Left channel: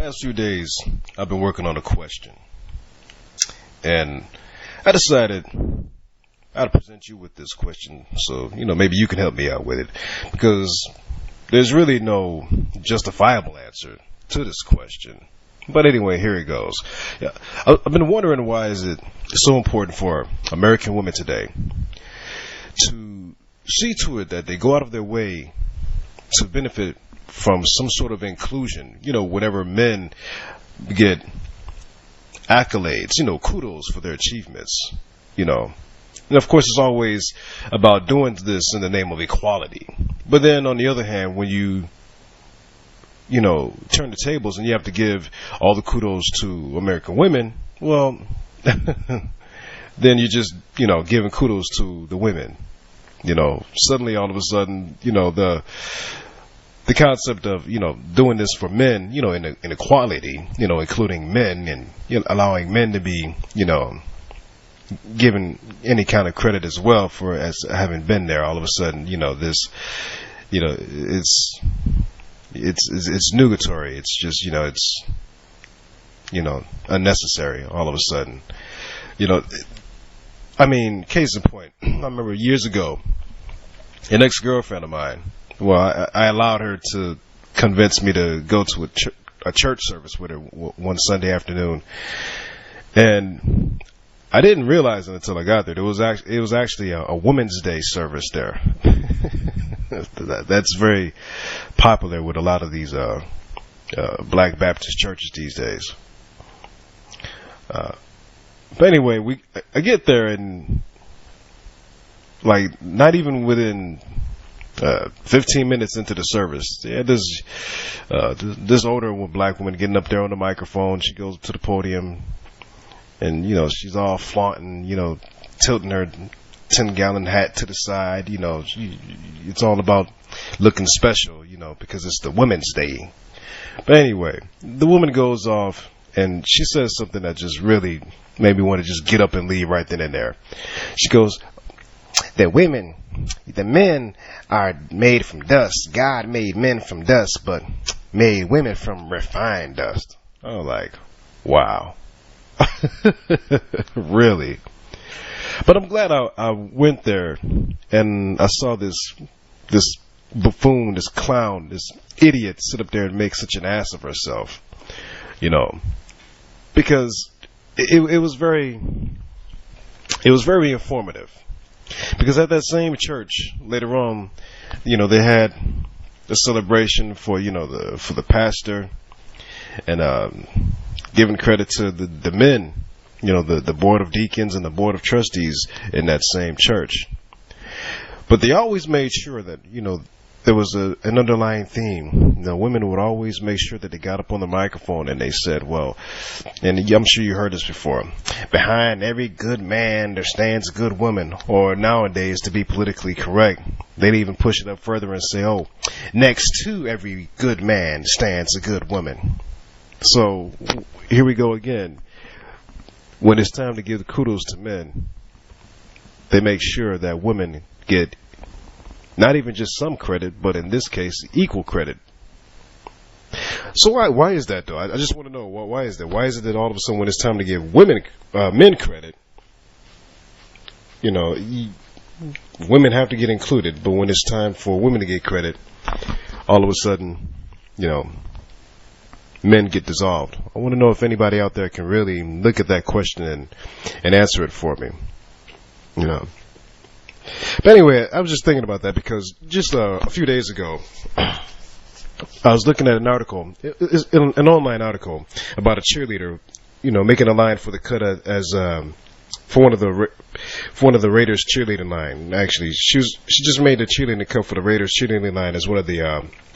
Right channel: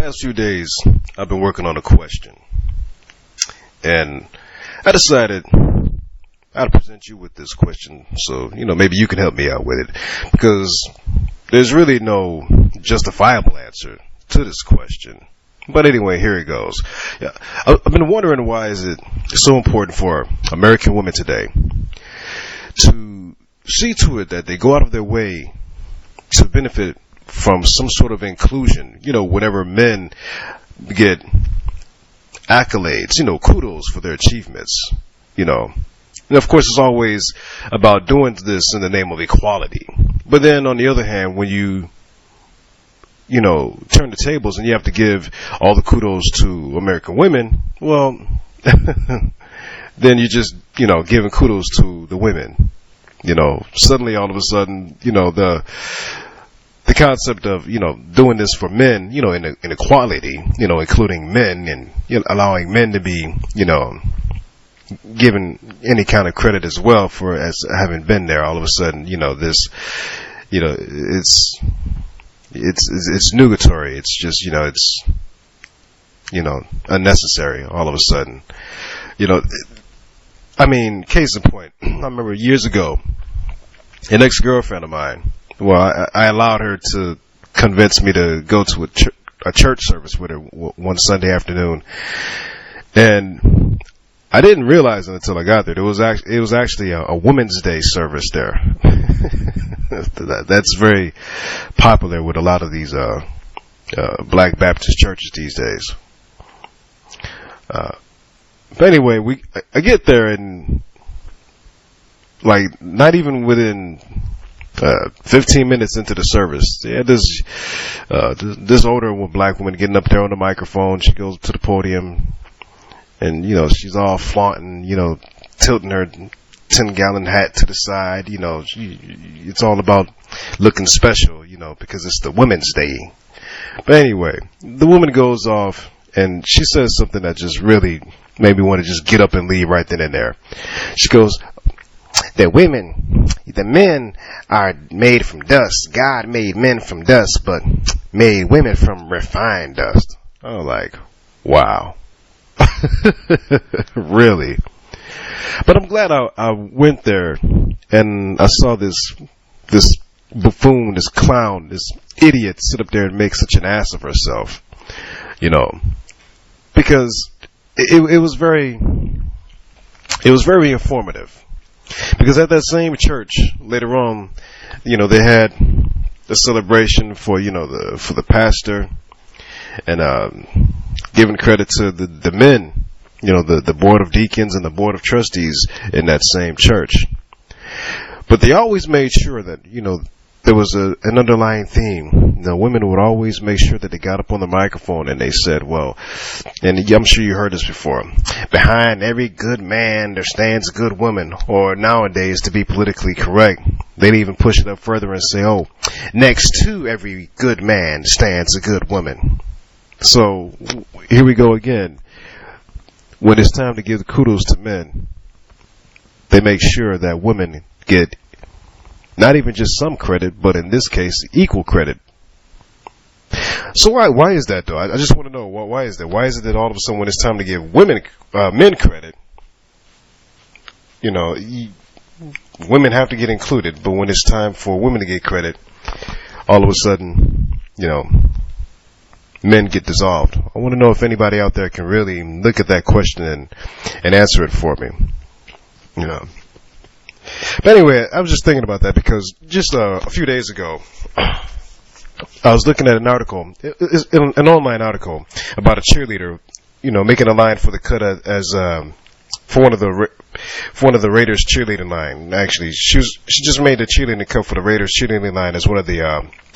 past few days, I've been working on a question, and I decided I'd present you with this question, so maybe you can help me out with it, because there's really no justifiable answer to this question. But anyway, here it goes. Yeah, I've been wondering, why is it so important for American women today to see to it that they go out of their way to benefit from some sort of inclusion? Whenever men get accolades, kudos for their achievements, And of course, it's always about doing this in the name of equality. But then on the other hand, when you turn the tables and you have to give all the kudos to American women, well, then you're just, giving kudos to the women. Suddenly all of a sudden, the concept of, doing this for men, in equality, including men and, allowing men to be, given any kind of credit as well for as having been there, all of a sudden, this, it's nugatory. It's just, it's, unnecessary all of a sudden. Case in point, I remember years ago, an ex-girlfriend of mine, well, I allowed her to convince me to go to a church service with her one Sunday afternoon, and I didn't realize it until I got there. It was actually a Women's Day service there. That's very popular with a lot of these Black Baptist churches these days. But anyway, I get there, and like not even within 15 minutes into the service, this older Black woman getting up there on the microphone. She goes to the podium, and she's all flaunting, tilting her 10-gallon hat to the side. It's all about looking special, because it's the Women's Day. But anyway, the woman goes off and she says something that just really made me want to just get up and leave right then and there. She goes, the men are made from dust. God made men from dust, but made women from refined dust. I was like, wow. Really? But I'm glad I went there and I saw this buffoon, this clown, this idiot sit up there and make such an ass of herself, because it was very informative. Because at that same church later on, they had a celebration for for the pastor, and giving credit to the men, the board of deacons and the board of trustees in that same church. But they always made sure that, there was an underlying theme. Women would always make sure that they got up on the microphone and they said, well, and I'm sure you heard this before, behind every good man there stands a good woman. Or nowadays, to be politically correct, they'd even push it up further and say, oh, next to every good man stands a good woman. So here we go again. When it's time to give kudos to men, they make sure that women get not even just some credit, but in this case, equal credit. So why is that, though? I just want to know, why is that? Why is it that all of a sudden when it's time to give men credit, women have to get included, but when it's time for women to get credit, all of a sudden, men get dissolved? I want to know if anybody out there can really look at that question and answer it for me. But anyway, I was just thinking about that because just a few days ago, I was looking at an article, an online article about a cheerleader, making a line for the cut as for one of the Raiders cheerleading line. Actually, she just made the cheerleading cut for the Raiders cheerleading line as one of the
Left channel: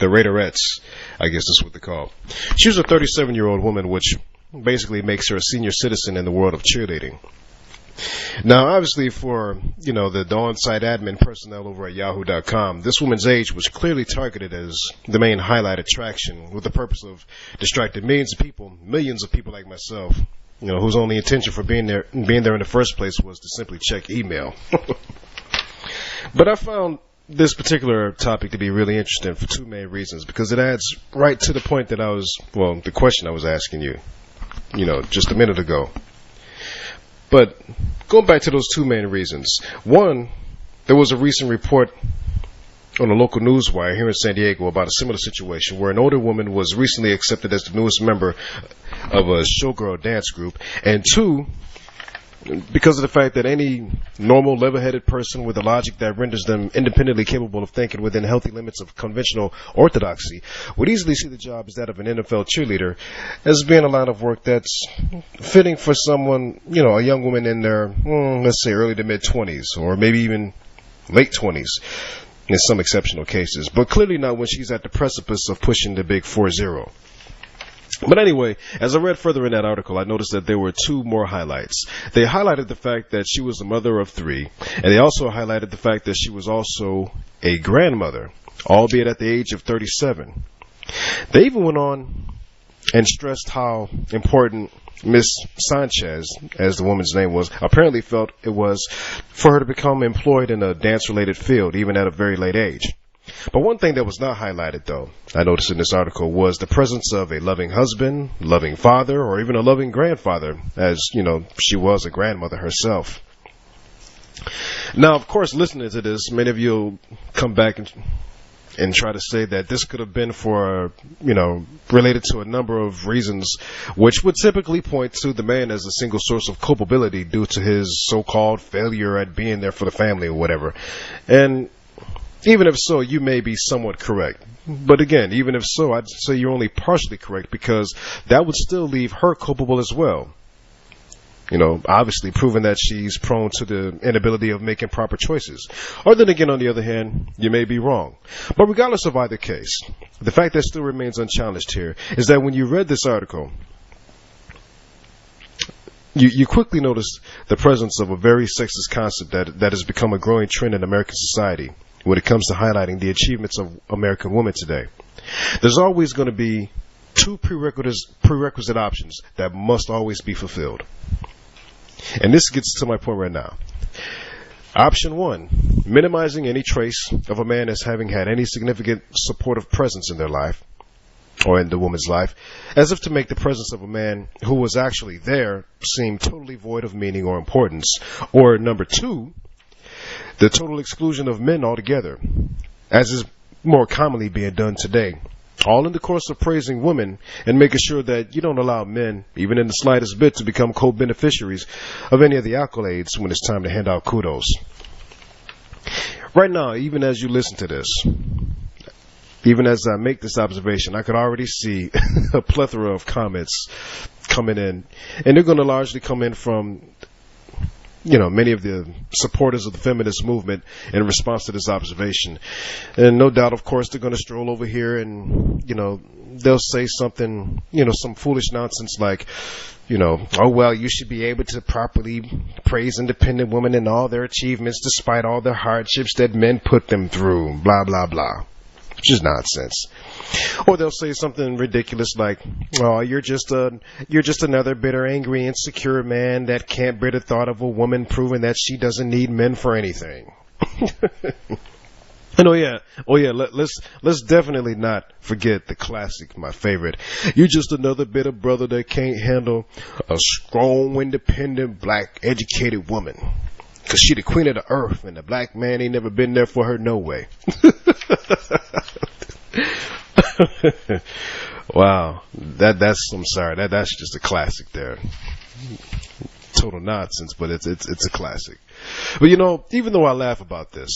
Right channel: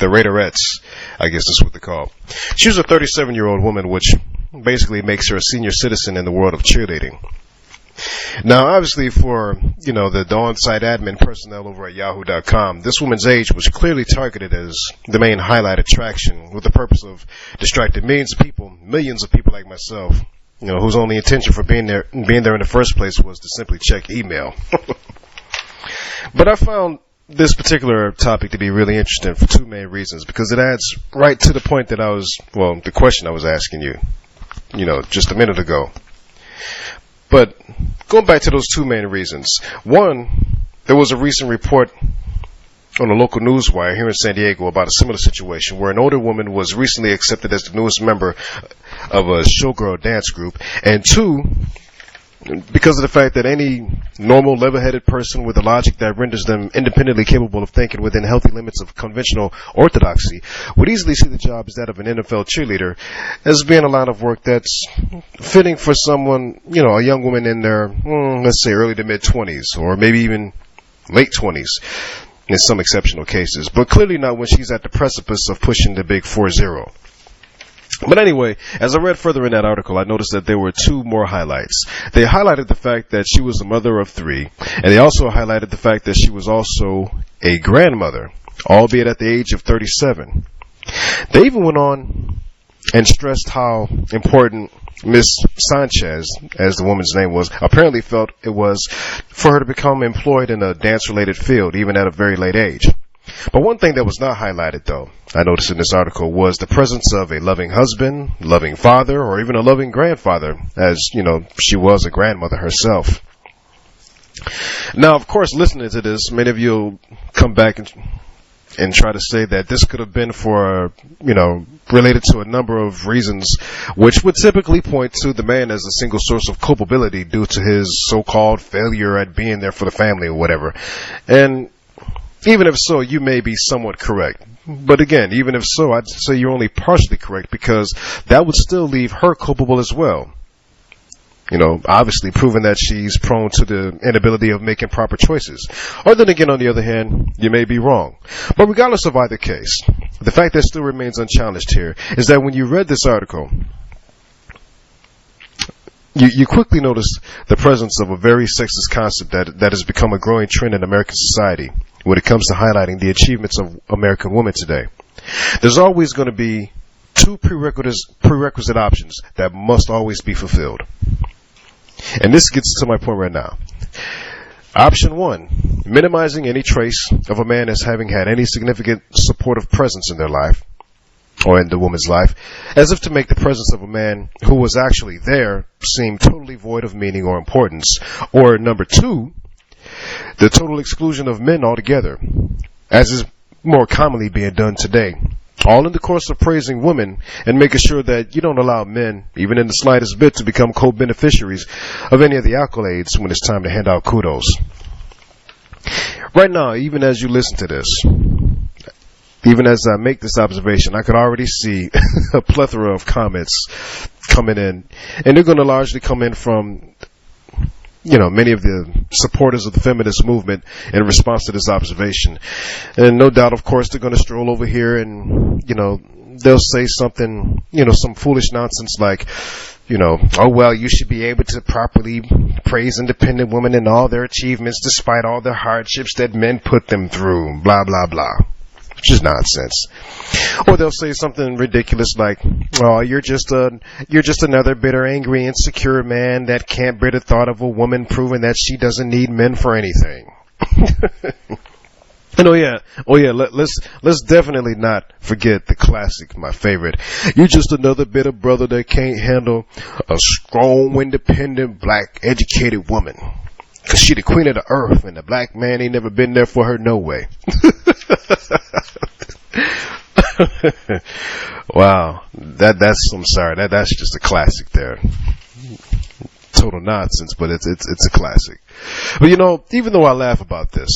Raiderettes, I guess that's what they're called. She was a 37-year-old woman, which basically makes her a senior citizen in the world of cheerleading. Now, obviously, for the on-site admin personnel over at Yahoo.com, this woman's age was clearly targeted as the main highlight attraction, with the purpose of distracting millions of people like myself, whose only intention for being there in the first place was to simply check email. But I found this particular topic to be really interesting for two main reasons, because it adds right to the point that the question I was asking you, just a minute ago. But going back to those two main reasons. One, there was a recent report on a local news wire here in San Diego about a similar situation where an older woman was recently accepted as the newest member of a showgirl dance group. And two, because of the fact that any normal, level-headed person with a logic that renders them independently capable of thinking within healthy limits of conventional orthodoxy would easily see the job as that of an NFL cheerleader as being a line of work that's fitting for someone, a young woman in their, let's say, early to mid-20s, or maybe even late 20s in some exceptional cases, but clearly not when she's at the precipice of pushing the big 4-0. But anyway, as I read further in that article, I noticed that there were two more highlights. They highlighted the fact that she was a mother of 3, and they also highlighted the fact that she was also a grandmother, albeit at the age of 37. They even went on and stressed how important Miss Sanchez, as the woman's name was, apparently felt it was for her to become employed in a dance-related field, even at a very late age. But one thing that was not highlighted, though, I noticed in this article, was the presence of a loving husband, loving father, or even a loving grandfather, as, she was a grandmother herself. Now, of course, listening to this, many of you will come back and try to say that this could have been for, related to a number of reasons, which would typically point to the man as a single source of culpability due to his so-called failure at being there for the family or whatever. And even if so, you may be somewhat correct. But again, even if so, I'd say you're only partially correct, because that would still leave her culpable as well. Obviously proving that she's prone to the inability of making proper choices. Or then again, on the other hand, you may be wrong. But regardless of either case, the fact that still remains unchallenged here is that when you read this article, you quickly notice the presence of a very sexist concept that has become a growing trend in American society when it comes to highlighting the achievements of American women today. There's always going to be two prerequisite options that must always be fulfilled. And this gets to my point right now. Option 1, minimizing any trace of a man as having had any significant supportive presence in their life, or in the woman's life, as if to make the presence of a man who was actually there seem totally void of meaning or importance. Or number 2, the total exclusion of men altogether, as is more commonly being done today, all in the course of praising women and making sure that you don't allow men, even in the slightest bit, to become co-beneficiaries of any of the accolades when it's time to hand out kudos. Right now, even as you listen to this, even as I make this observation, I could already see a plethora of comments coming in, and they're going to largely come in from many of the supporters of the feminist movement in response to this observation. And no doubt, of course, they're going to stroll over here and, they'll say something, some foolish nonsense like, oh, well, you should be able to properly praise independent women and all their achievements despite all the hardships that men put them through, blah, blah, blah. Which is nonsense. Or they'll say something ridiculous like, "Oh, you're just another bitter, angry, insecure man that can't bear the thought of a woman proving that she doesn't need men for anything." And let's definitely not forget the classic, my favorite. You're just another bitter brother that can't handle a strong, independent, black, educated woman. 'Cause she the queen of the earth, and the black man ain't never been there for her no way. Wow, I'm sorry, that's just a classic there. Total nonsense, but it's a classic. But even though I laugh about this,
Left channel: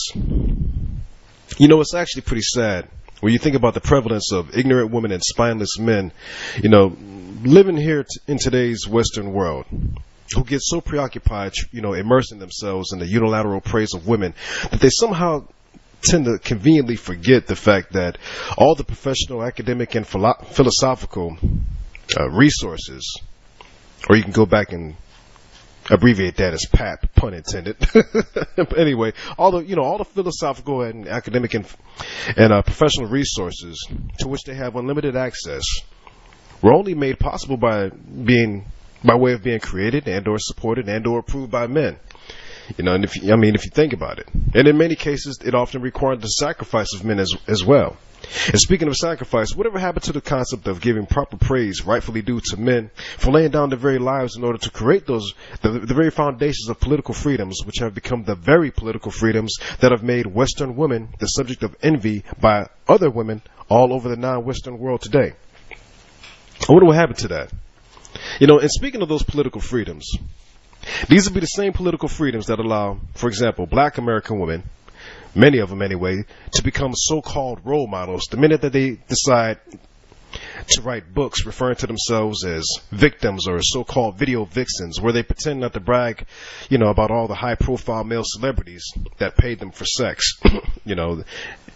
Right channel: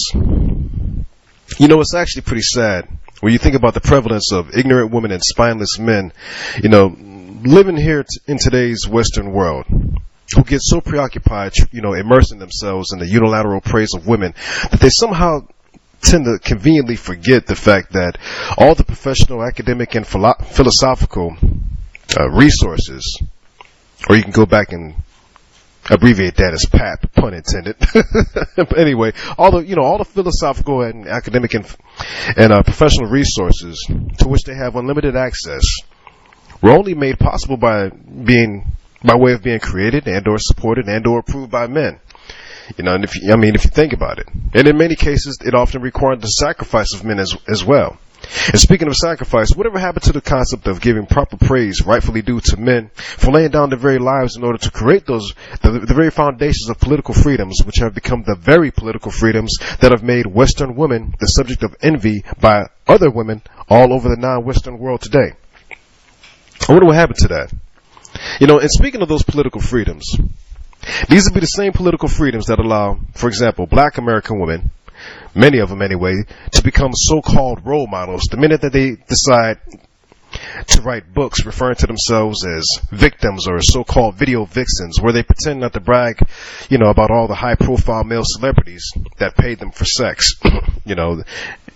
it's actually pretty sad when you think about the prevalence of ignorant women and spineless men, living here in today's Western world, who get so preoccupied, immersing themselves in the unilateral praise of women that they somehow tend to conveniently forget the fact that all the professional, academic, and philosophical resources, or you can go back and abbreviate that as PAP, pun intended. But anyway, all the philosophical and academic and professional resources to which they have unlimited access were only made possible by way of being created and or supported and or approved by men. And if you think about it, and in many cases, it often required the sacrifice of men as well. And speaking of sacrifice, whatever happened to the concept of giving proper praise rightfully due to men for laying down their very lives in order to create the very foundations of political freedoms, which have become the very political freedoms that have made Western women the subject of envy by other women all over the non-Western world today? I wonder what happened to that. And speaking of those political freedoms, these would be the same political freedoms that allow, for example, black American women, many of them anyway, to become so-called role models the minute that they decide to write books referring to themselves as victims or so-called video vixens, where they pretend not to brag, about all the high-profile male celebrities that paid them for sex.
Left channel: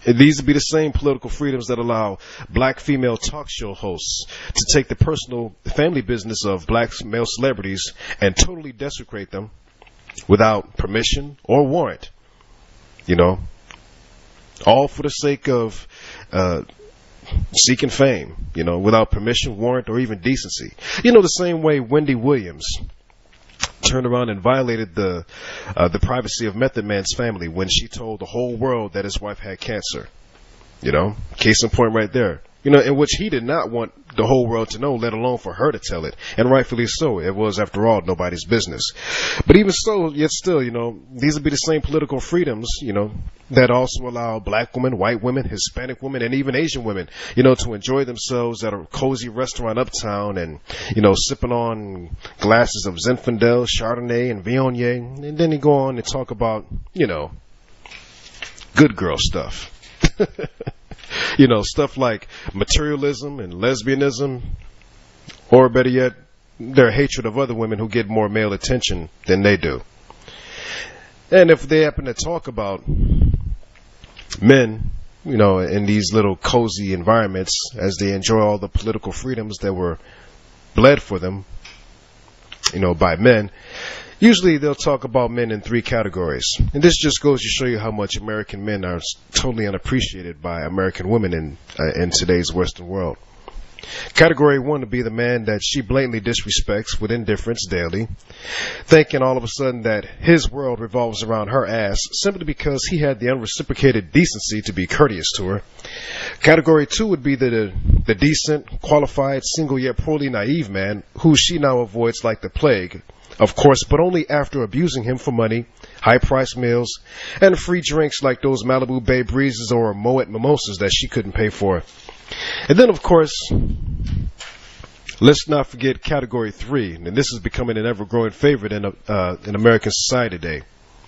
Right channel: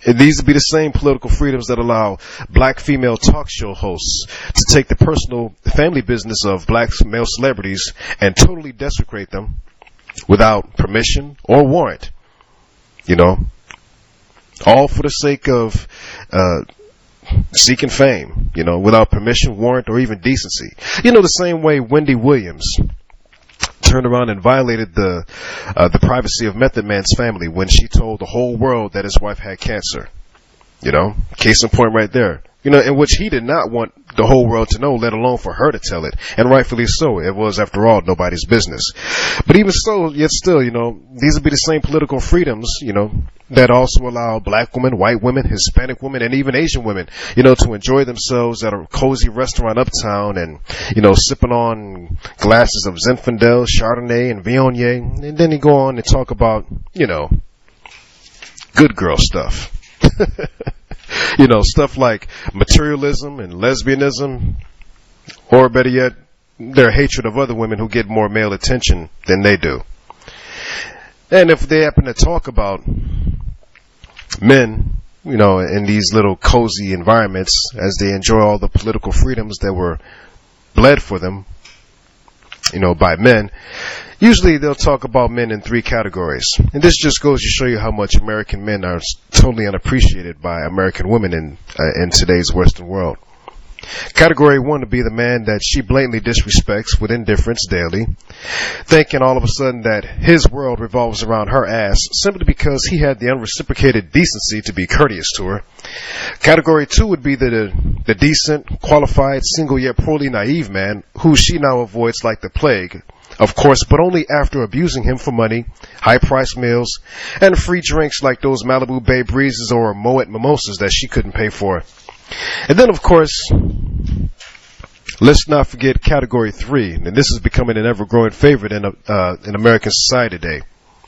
These would be the same political freedoms that allow black female talk show hosts to take the personal family business of black male celebrities and totally desecrate them without permission or warrant. All for the sake of seeking fame, without permission, warrant, or even decency. The same way Wendy Williams turned around and violated the privacy of Method Man's family when she told the whole world that his wife had cancer. Case in point right there. In which he did not want the whole world to know, let alone for her to tell it. And rightfully so. It was, after all, nobody's business. But even so, yet still, these would be the same political freedoms, that also allow black women, white women, Hispanic women, and even Asian women, to enjoy themselves at a cozy restaurant uptown and, sipping on glasses of Zinfandel, Chardonnay, and Viognier. And then you go on and talk about, good girl stuff. Stuff like materialism and lesbianism, or better yet, their hatred of other women who get more male attention than they do. And if they happen to talk about men, in these little cozy environments as they enjoy all the political freedoms that were bled for them, by men, usually they'll talk about men in three categories. And this just goes to show you how much American men are totally unappreciated by American women in today's Western world. Category 1 would be the man that she blatantly disrespects with indifference daily, thinking all of a sudden that his world revolves around her ass simply because he had the unreciprocated decency to be courteous to her. Category 2 would be the decent, qualified, single yet poorly naive man who she now avoids like the plague. Of course, but only after abusing him for money, high-priced meals, and free drinks like those Malibu Bay Breezes or Moet Mimosas that she couldn't pay for. And then, of course, let's not forget Category 3, and this is becoming an ever-growing favorite in American society today,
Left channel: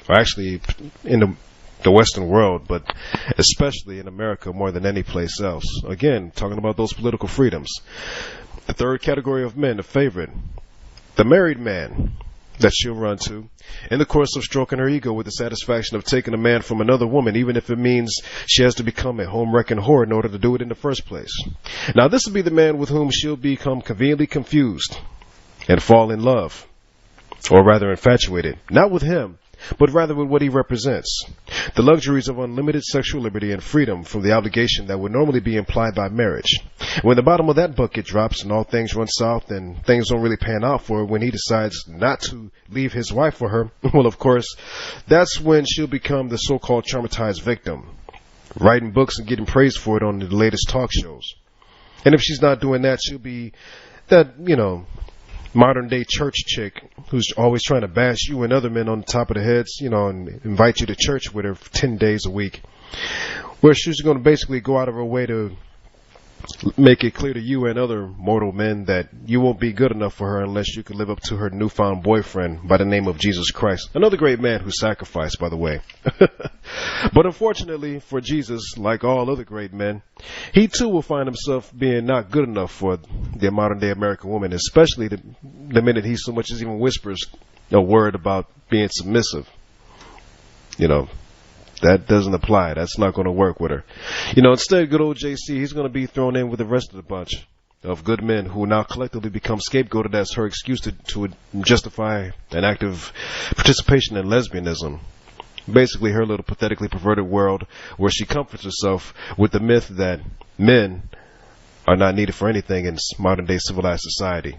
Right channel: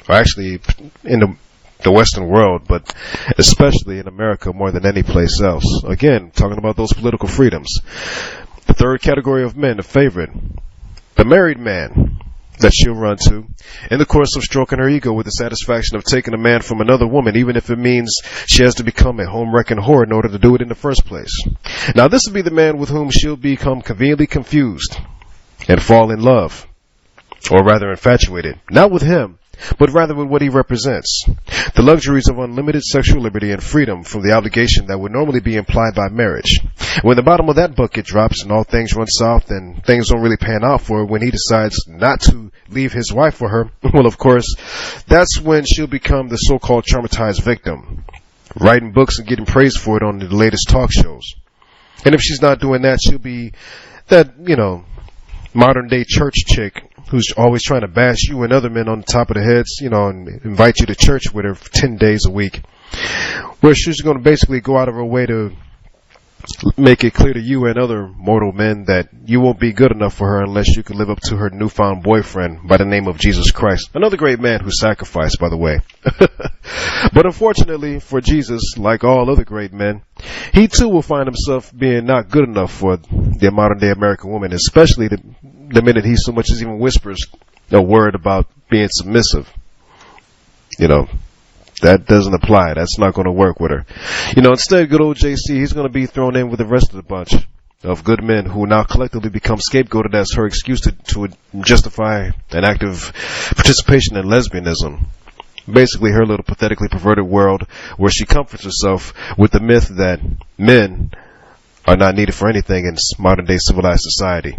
or actually in the Western world, but especially in America more than any place else. Again, talking about those political freedoms. The third category of men, the favorite, the married man that she'll run to in the course of stroking her ego with the satisfaction of taking a man from another woman, even if it means she has to become a home-wrecking whore in order to do it in the first place. Now, this will be the man with whom she'll become conveniently confused and fall in love, or rather infatuated, not with him, but rather with what he represents. The luxuries of unlimited sexual liberty and freedom from the obligation that would normally be implied by marriage. When the bottom of that bucket drops and all things run south and things don't really pan out for her when he decides not to leave his wife for her, well, of course, that's when she'll become the so-called traumatized victim, writing books and getting praised for it on the latest talk shows. And if she's not doing that, she'll be that, modern-day church chick who's always trying to bash you and other men on the top of the heads, and invite you to church with her for 10 days a week, where she's going to basically go out of her way to make it clear to you and other mortal men that you won't be good enough for her unless you can live up to her newfound boyfriend by the name of Jesus Christ. Another great man who sacrificed, by the way. But unfortunately for Jesus, like all other great men, he too will find himself being not good enough for the modern day American woman, especially the minute he so much as even whispers a word about being submissive. That doesn't apply. That's not going to work with her. Instead, good old JC, he's going to be thrown in with the rest of the bunch of good men who now collectively become scapegoated as her excuse to justify an active participation in lesbianism. Basically, her little pathetically perverted world where she comforts herself with the myth that men are not needed for anything in modern-day civilized society.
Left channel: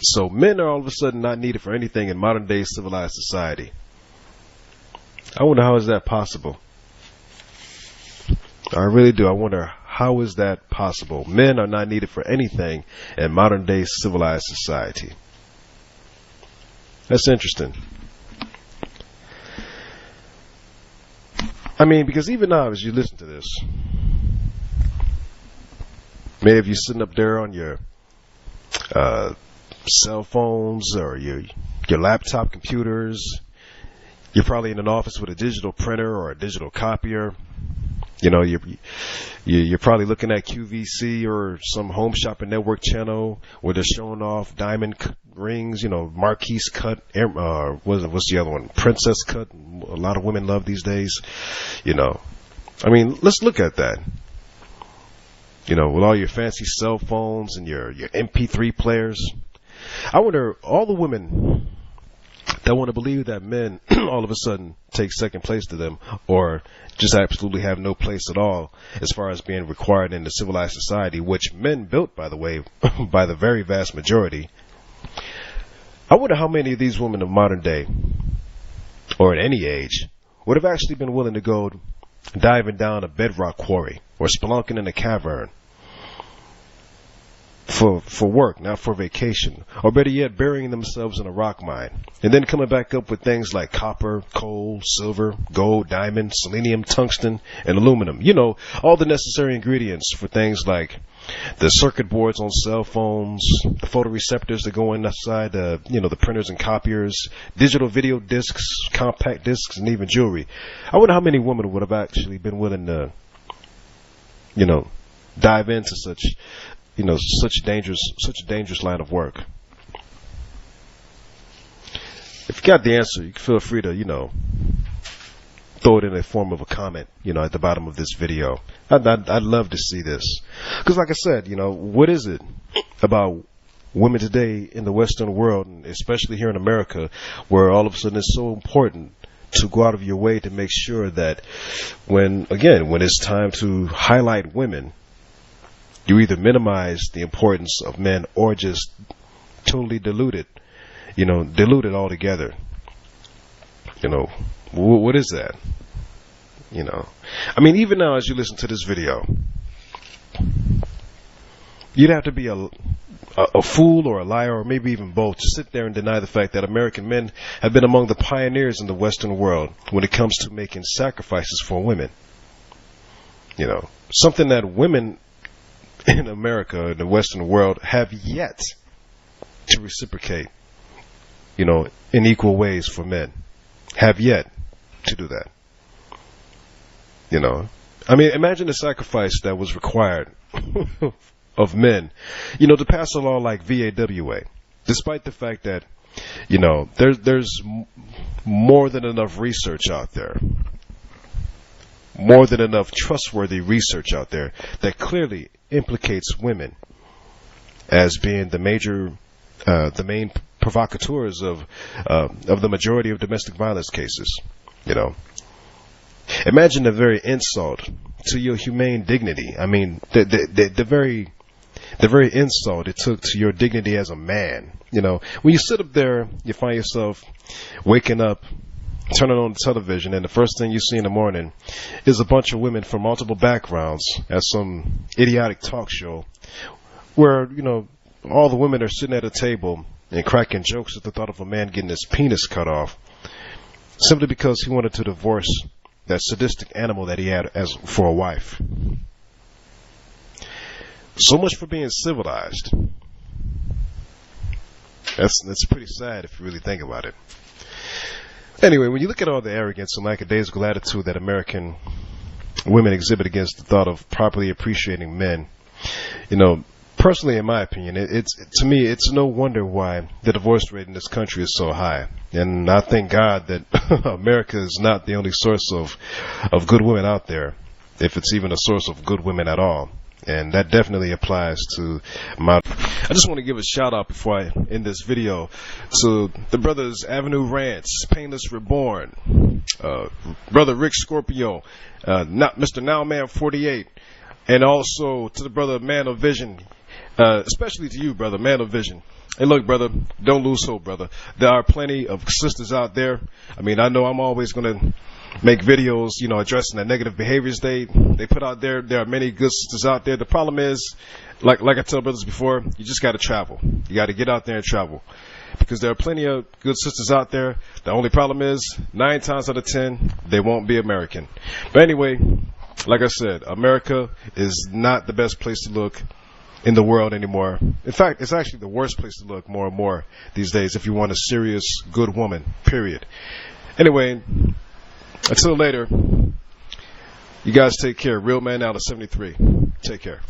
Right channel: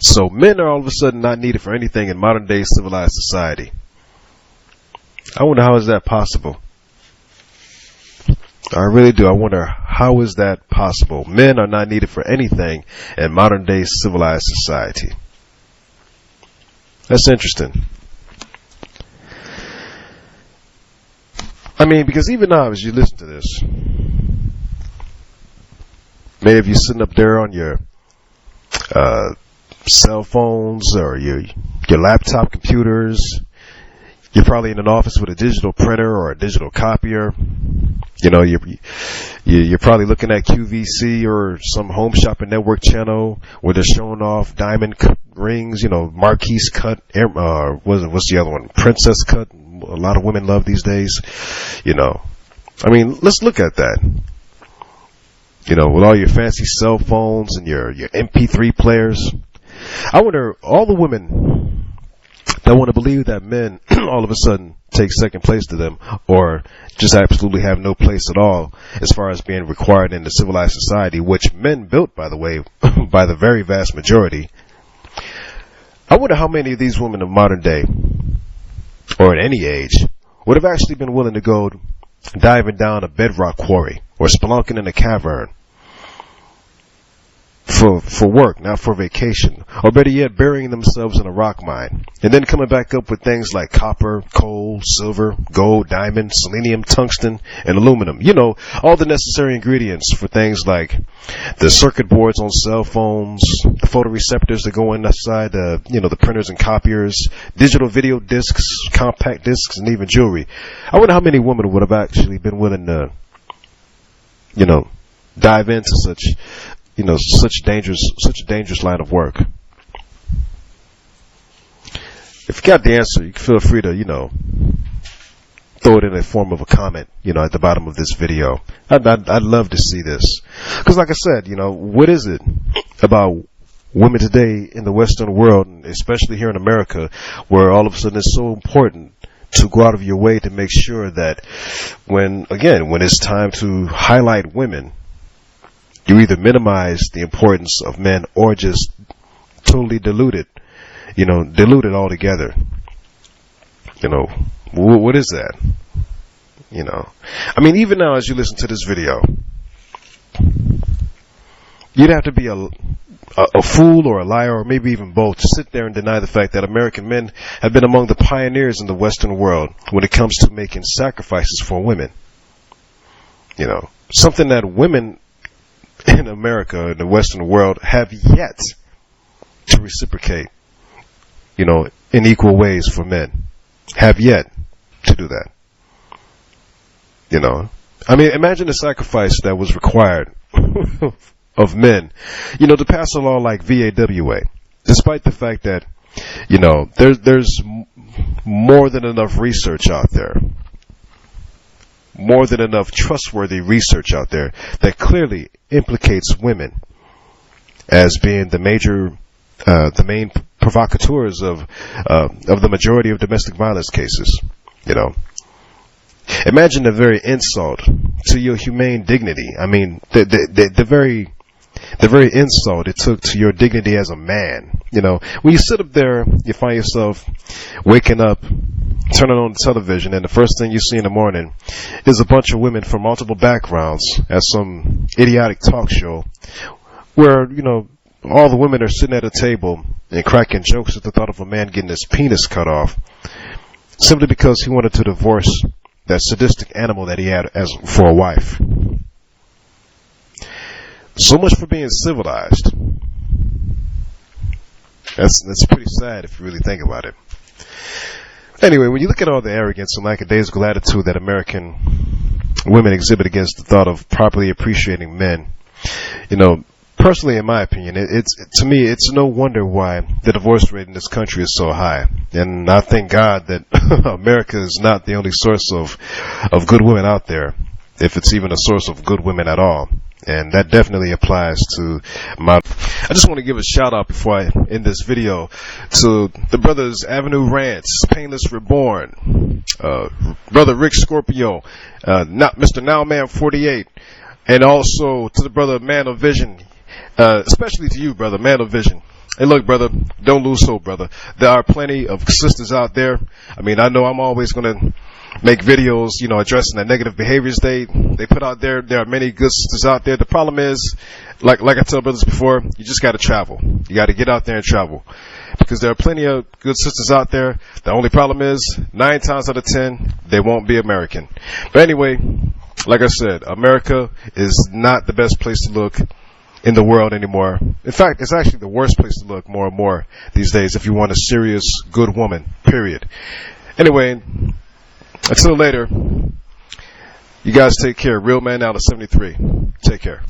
So men are all of a sudden not needed for anything in modern day civilized society. I wonder how is that possible? I really do. I wonder how is that possible? Men are not needed for anything in modern day civilized society. That's interesting. I mean, because even now as you listen to this, many of you sitting up there on your cell phones or your laptop computers, you're probably in an office with a digital printer or a digital copier. You know, you're probably looking at QVC or some home shopping network channel where they're showing off diamond rings, you know, Marquise cut, what's the other one? Princess cut. A lot of women love these days. You know, I mean, let's look at that. You know, with all your fancy cell phones and your MP3 players. I wonder, all the women that want to believe that men all of a sudden take second place to them, or just absolutely have no place at all as far as being required in the civilized society, which men built, by the way, by the very vast majority. I wonder how many of these women of modern day, or at any age, would have actually been willing to go diving down a bedrock quarry or spelunking in a cavern for work, not for vacation, or better yet, burying themselves in a rock mine, and then coming back up with things like copper, coal, silver, gold, diamond, selenium, tungsten, and aluminum. You know, all the necessary ingredients for things like the circuit boards on cell phones, the photoreceptors that go inside the printers and copiers, digital video discs, compact discs, and even jewelry. I wonder how many women would have actually been willing to, dive into such a dangerous line of work. If you got the answer, you can feel free to, throw it in a form of a comment, at the bottom of this video. I'd love to see this. Because like I said, what is it about women today in the Western world, and especially here in America, where all of a sudden it's so important to go out of your way to make sure that when it's time to highlight women, you either minimize the importance of men or just totally dilute it altogether. What is that? I mean, even now as you listen to this video, you'd have to be a fool or a liar or maybe even both to sit there and deny the fact that American men have been among the pioneers in the Western world when it comes to making sacrifices for women. Something that women in America, in the Western world, have yet to reciprocate, in equal ways for men. Have yet to do that. I mean, imagine the sacrifice that was required of men, to pass a law like VAWA, despite the fact that, there's more than enough research out there, more than enough trustworthy research out there that clearly implicates women as being the main provocateurs of the majority of domestic violence cases. Imagine the very insult to your humane dignity. I mean, the very insult it took to your dignity as a man. When you sit up there, you find yourself waking up, turning on the television, and the first thing you see in the morning is a bunch of women from multiple backgrounds at some idiotic talk show where, all the women are sitting at a table and cracking jokes at the thought of a man getting his penis cut off simply because he wanted to divorce that sadistic animal that he had for a wife. So much for being civilized. That's pretty sad if you really think about it. Anyway, when you look at all the arrogance and lackadaisical attitude that American women exhibit against the thought of properly appreciating men, personally, in my opinion, to me, it's no wonder why the divorce rate in this country is so high. And I thank God that America is not the only source of good women out there, if it's even a source of good women at all. And that definitely applies to my... I just want to give a shout out before I end this video to the brothers Avenue Rants, Painless Reborn, brother Rick Scorpio, Mr. Nowman 48, and also to the brother Man of Vision, especially to you, brother Man of Vision. Hey, look, brother, don't lose hope, brother. There are plenty of sisters out there. I mean, I know I'm always going to make videos, addressing the negative behaviors they put out there. There are many good sisters out there. The problem is, like I tell brothers before, you just got to travel. You got to get out there and travel. Because there are plenty of good sisters out there. The only problem is, 9 times out of 10, they won't be American. But anyway, like I said, America is not the best place to look in the world anymore. In fact, it's actually the worst place to look more and more these days if you want a serious, good woman, period. Anyway, until later, you guys take care. Real Man out of 73. Take care.